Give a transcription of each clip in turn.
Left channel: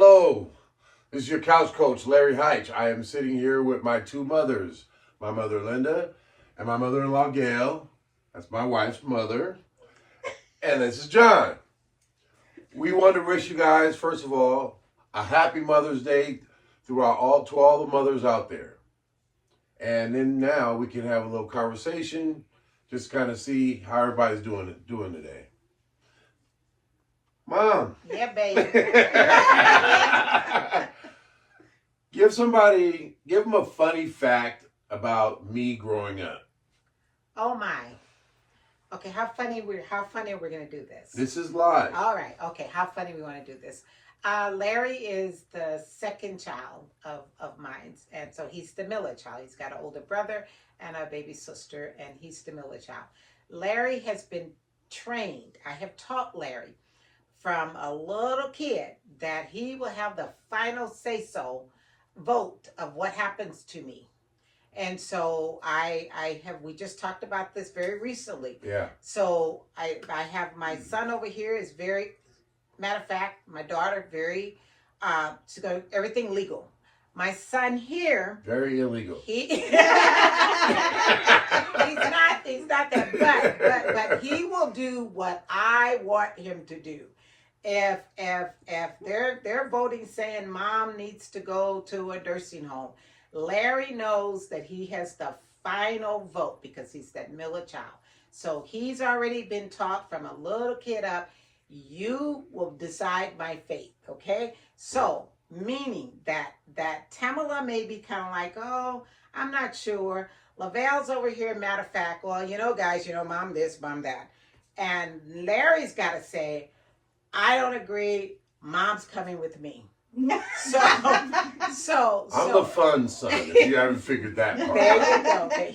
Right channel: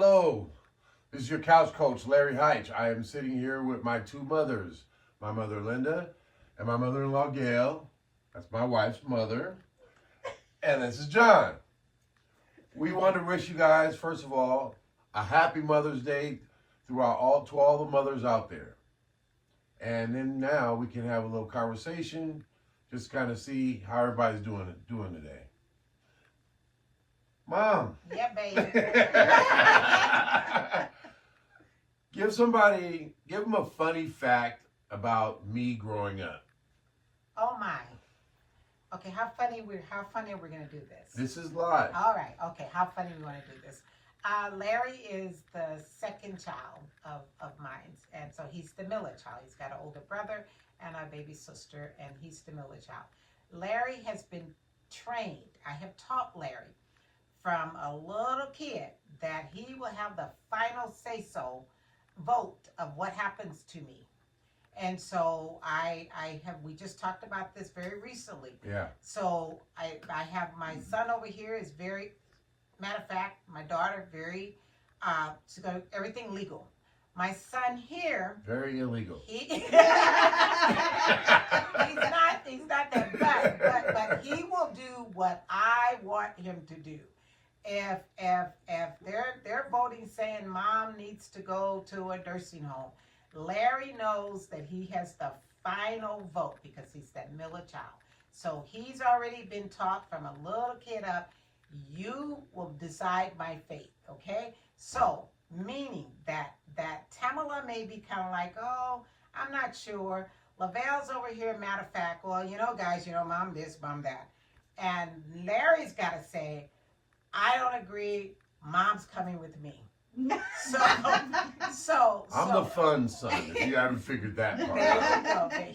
Hello, this is your couch coach, Larry Heitch. I am sitting here with my two mothers, my mother Linda and my mother-in-law Gail. That's my wife's mother. And this is John. We want to wish you guys, first of all, a happy Mother's Day to all the mothers out there. And then now we can have a little conversation, just kind of see how everybody's doing today. Mom. Yeah, baby. Give them a funny fact about me growing up. Oh my. Okay, how funny we're gonna do this? This is live. All right. Okay, how funny we want to do this? Larry is the second child of mine, and so he's the Miller child. He's got an older brother and a baby sister, and he's the Miller child. Larry has been trained. I have taught Larry from a little kid that he will have the final say-so vote of what happens to me. And so we just talked about this very recently. Yeah. So I have my son over here is very, matter of fact, my daughter very, she's got everything legal. My son here. Very illegal. He's not that, but he will do what I want him to do. If they're voting saying mom needs to go to a nursing home, Larry knows that he has the final vote because he's that Miller child. So he's already been taught from a little kid up, you will decide my fate, okay? So meaning that Tamala may be kind of like, oh, I'm not sure. Lavelle's over here, matter of fact, well, guys, mom this, mom that. And Larry's got to say, I don't agree. Mom's coming with me. So I'm the fun son, if you haven't figured that part out. There you go. Okay.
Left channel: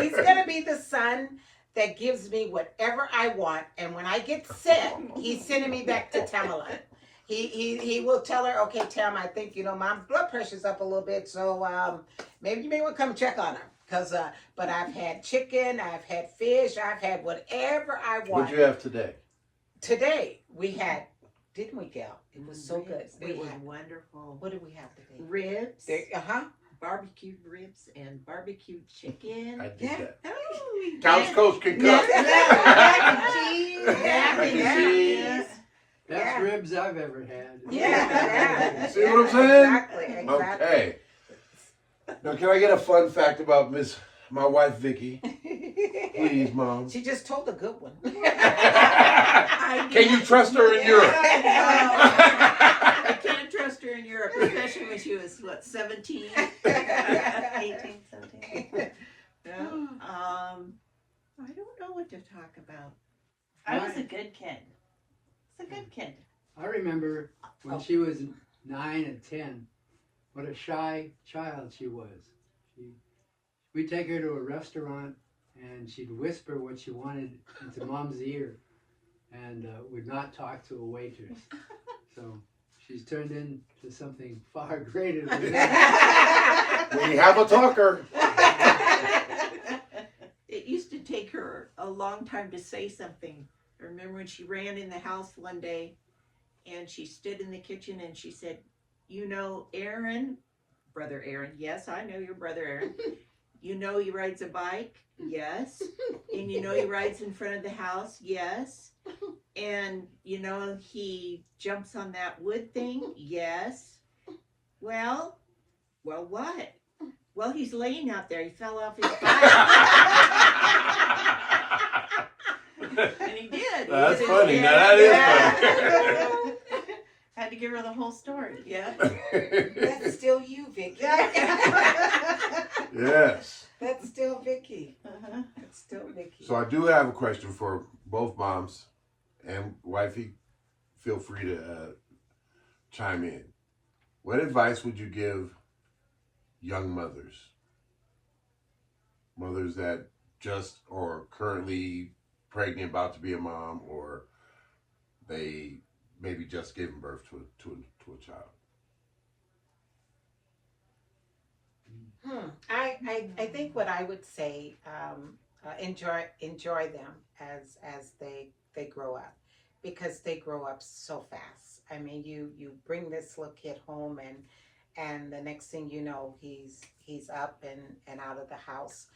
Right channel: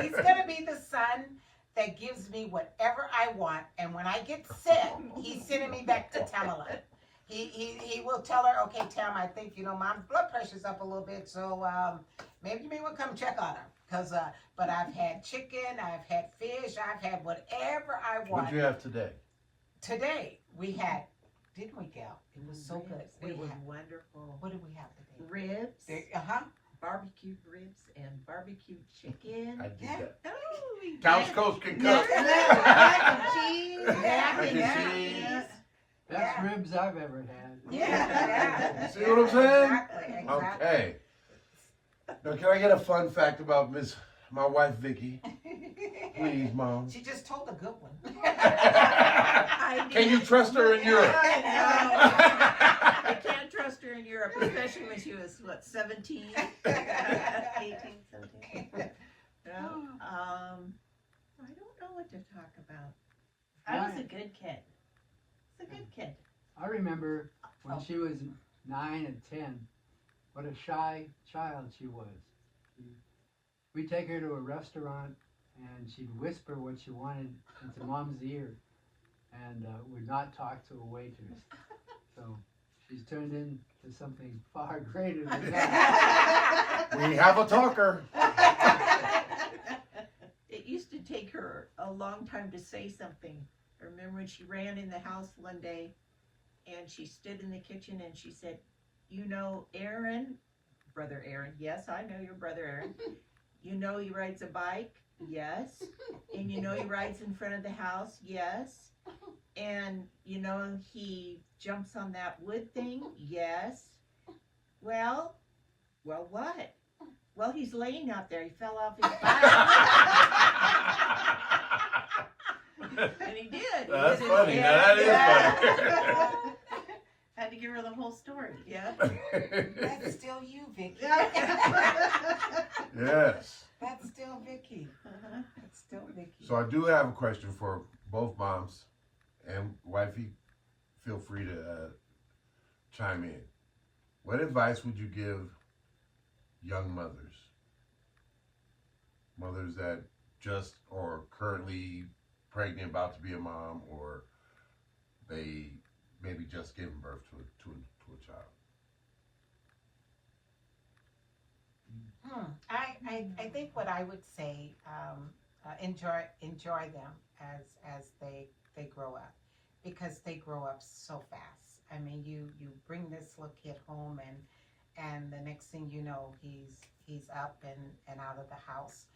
He's going to be the son that gives me whatever I want. And when I get sick, he's sending me back to Tamala. He will tell her, okay, Tam, I think, mom's blood pressure's up a little bit. So maybe you may want to come check on her. But I've had chicken, I've had fish, I've had whatever I want. What'd you have today? Today we had, didn't we, Gail? It was so good. It was wonderful. What did we have today? Ribs, Uh-huh. barbecued ribs, and barbecued chicken. I did that. Oh, Couch coach can cook. mac and cheese. Mac and cheese. Best ribs I've ever had. Yeah. See what I'm saying? Exactly. Okay. Now, can I get a fun fact about my wife, Vicky? Please, Mom. She just told a good one. Can you trust her in Europe? I can't trust her in Europe, especially when she was, 17? 18, 17. I don't know what to talk about. I was a good kid. It's a good kid. I remember when she was 9 and 10, what a shy child she was. We'd take her to a restaurant and she'd whisper what she wanted into Mom's ear and would not talk to a waitress. So she's turned into something far greater than that. We have a talker. It used to take her a long time to say something. I remember when she ran in the house one day and she stood in the kitchen and she said, Aaron, brother Aaron, yes, I know your brother Aaron. He rides a bike? Yes. And he rides in front of the house? Yes. And he jumps on that wood thing? Yes. Well, what? Well, he's laying out there. He fell off his bike. And he did. That's funny. Now that is funny. Had to give her the whole story. Yeah. That's still you, Vicky. Yes. That's still Vicky. Uh-huh. That's still Vicky. So I do have a question for both moms and wifey. Feel free to chime in. What advice would you give young mothers that just or currently pregnant, about to be a mom, or they maybe just giving birth to a child? I think what I would say, enjoy them as they grow up, because they grow up so fast. I mean, you bring this little kid home, and the next thing you know, he's up and out of the house.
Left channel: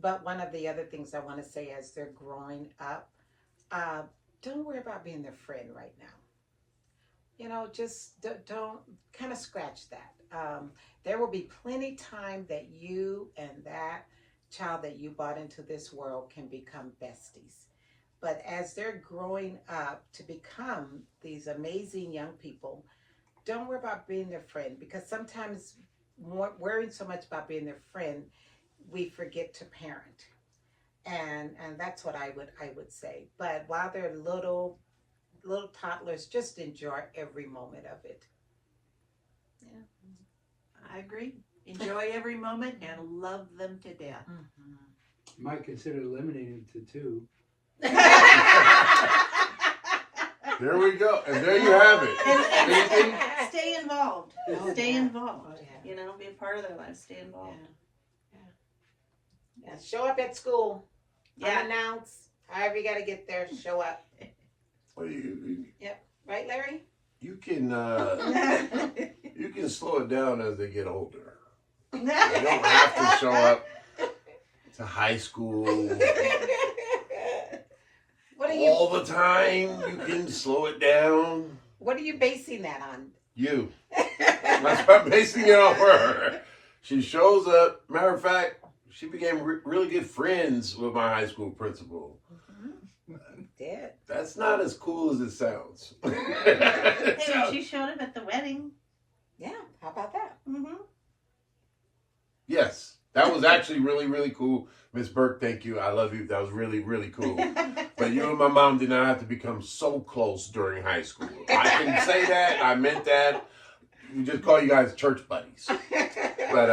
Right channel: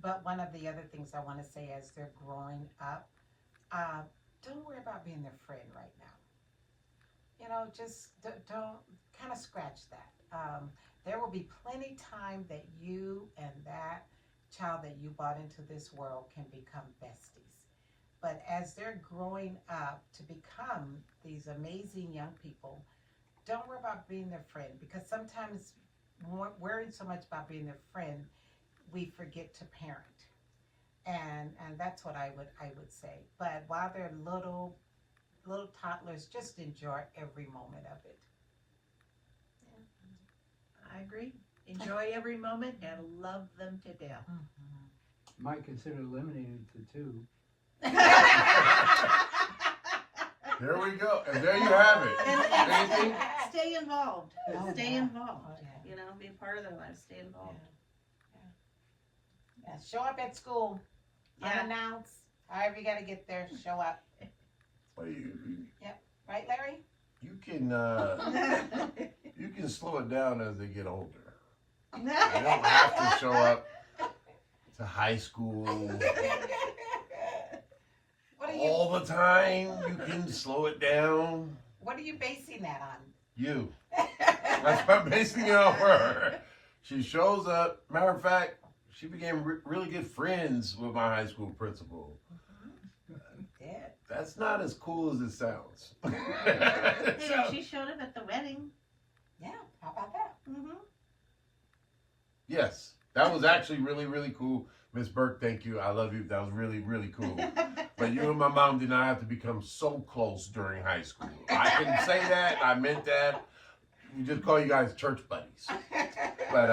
But one of the other things I want to say as they're growing up, don't worry about being their friend right now. You know, just don't kind of scratch that. There will be plenty time that you and that child that you brought into this world can become besties. But as they're growing up to become these amazing young people, don't worry about being their friend, because sometimes worrying so much about being their friend, we forget to parent. And that's what I would say. But while they're little toddlers, just enjoy every moment of it. I agree. Enjoy every moment and love them to death. Mm-hmm. You might consider limiting it to 2. There we go. And there you have it. Anything? Stay involved. Oh, Stay yeah. involved. Oh, yeah. You know, be a part of their life. Stay involved. Yeah, show up at school. Yeah. Unannounced. However you got to get there, show up. Well, Right, Larry? you can you can slow it down as they get older. You don't have to show up to high school What are you all the time. You can slow it down. What are you basing that on? You. That's what I'm basing it off her. She shows up. Matter of fact, she became really good friends with my high school principal. Did. That's not as cool as it sounds. Hey, she showed up at the wedding. Yeah, how about that? Mm-hmm. Yes, that was actually really, really cool. Miss Burke, thank you. I love you. That was really, really cool. But you and my mom did not have to become so close during high school. I can say that. I meant that. We just call you guys church buddies. But,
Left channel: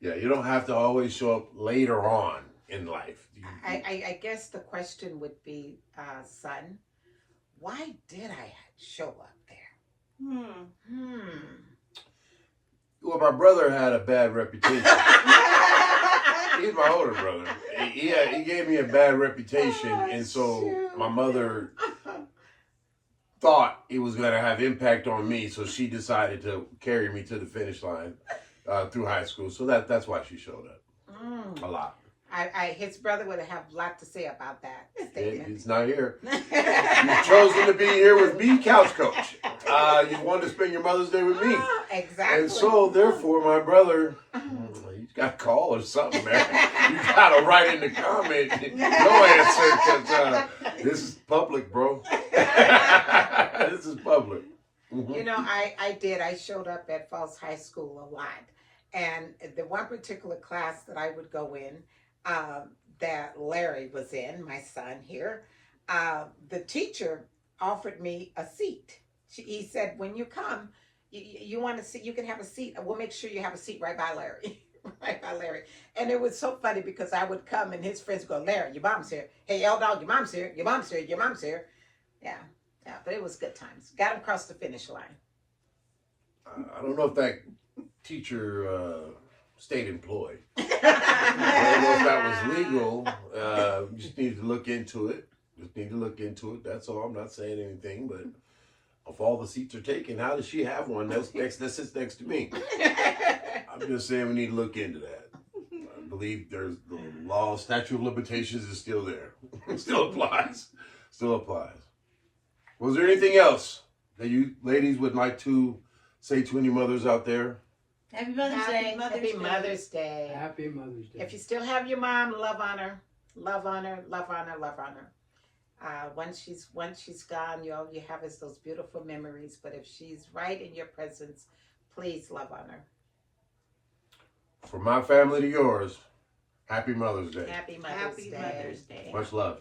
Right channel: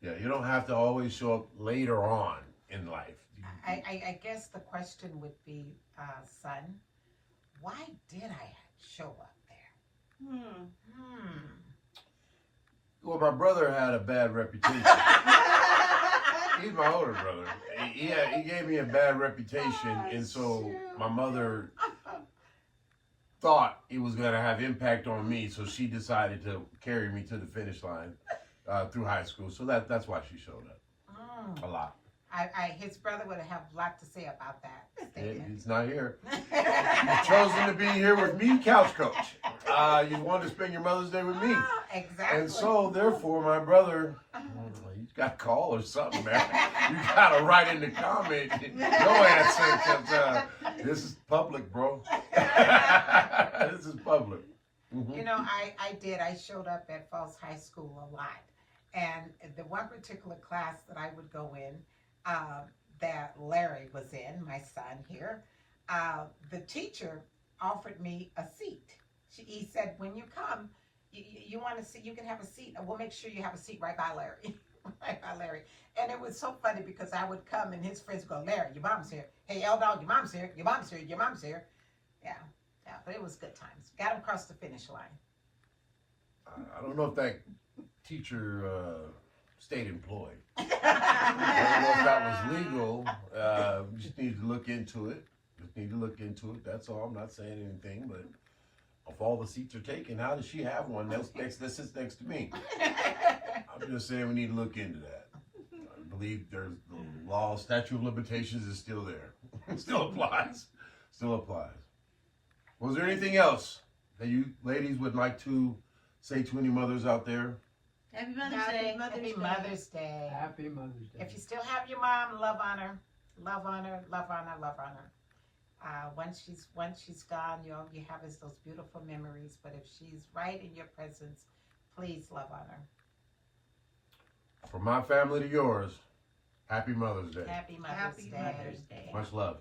yeah, you don't have to always show up later on in life. I guess the question would be, son, why did I show up there? Well, my brother had a bad reputation. He's my older brother. He gave me a bad reputation, and so my mother thought it was going to have impact on me, so she decided to carry me to the finish line through high school. So that's why she showed up a lot. His brother would have a lot to say about that statement. He's not here. You've chosen to be here with me, Couch Coach. You wanted to spend your Mother's Day with me. Exactly. And so, therefore, my brother, he's got a call or something, man. You got to write in the comment no answer, because this is public, bro. This is public. Mm-hmm. You know, I did. I showed up at Falls High School a lot. And the one particular class that I would go in, that Larry was in, my son here, the teacher offered me a seat. He said, when you come, you want to see, you can have a seat. We'll make sure you have a seat right by Larry. Right by Larry. And it was so funny because I would come and his friends would go, Larry, your mom's here. Hey, L-Dog, your mom's here. Your mom's here. Your mom's here. Yeah, but it was good times. Got him across the finish line. I don't know if that teacher stayed employed. I don't know if that was legal. We just need to look into it. That's all. I'm not saying anything, but if all the seats are taken, how does she have one that sits next to me? I'm just saying we need to look into that. I believe there's the law, statute of limitations is still there. Still applies. Was there anything else that you ladies would like to say to any mothers out there? Happy Mother's Day. Happy Mother's Day. Happy Mother's Day. If you still have your mom, love on her. Love on her, love on her, love on her. Once she's gone, all you have is those beautiful memories. But if she's right in your presence, please love on her. From my family to yours, happy Mother's Day. Happy Mother's Happy Day. Mother's Day. Much love.